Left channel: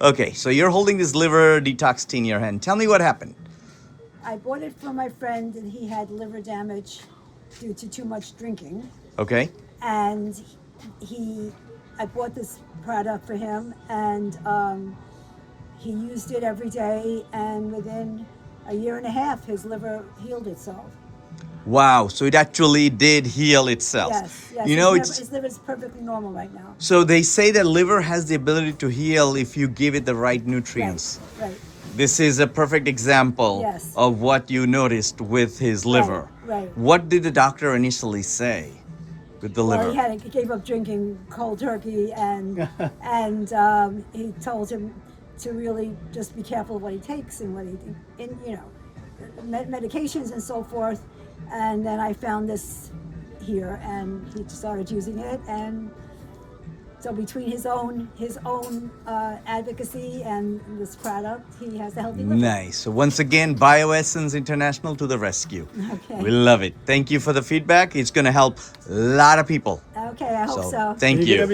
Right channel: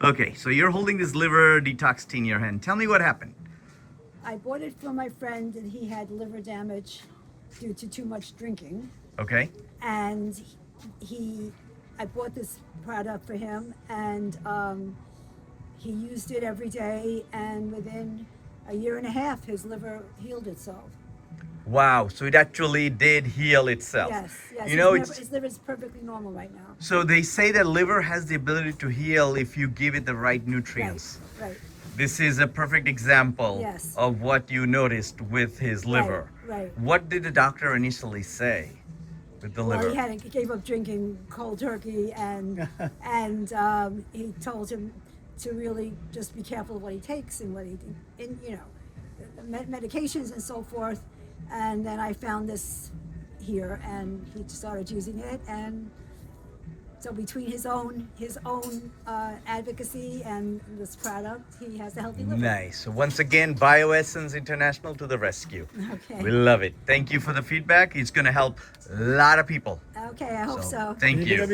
Okay, so you're holding this liver detox tea in your hand. Tell me what happened. I bought it from my friend, and he had liver damage due to too much drinking. Okay. And I bought this product for him, and he used it every day, and within a year and a half, his liver healed itself. Wow, so it actually did heal itself. Yes, yes. You know, his liver is perfectly normal right now. so they say that liver has the ability to heal if you give it the right nutrients. Right. This is a perfect example Yes. of what you noticed with his liver. Right. What did the doctor initially say with the liver? Well, he gave up drinking cold turkey, and he told him to really just be careful of what he takes and what medications and so forth. And then I found this here, and he started using it, and so between his own advocacy and this product, he has a healthy liver. Nice. So once again, Bioessence International to the rescue. Okay. We love it. Thank you for the feedback. It's going to help a lot of people. Okay, I hope so. Thank you.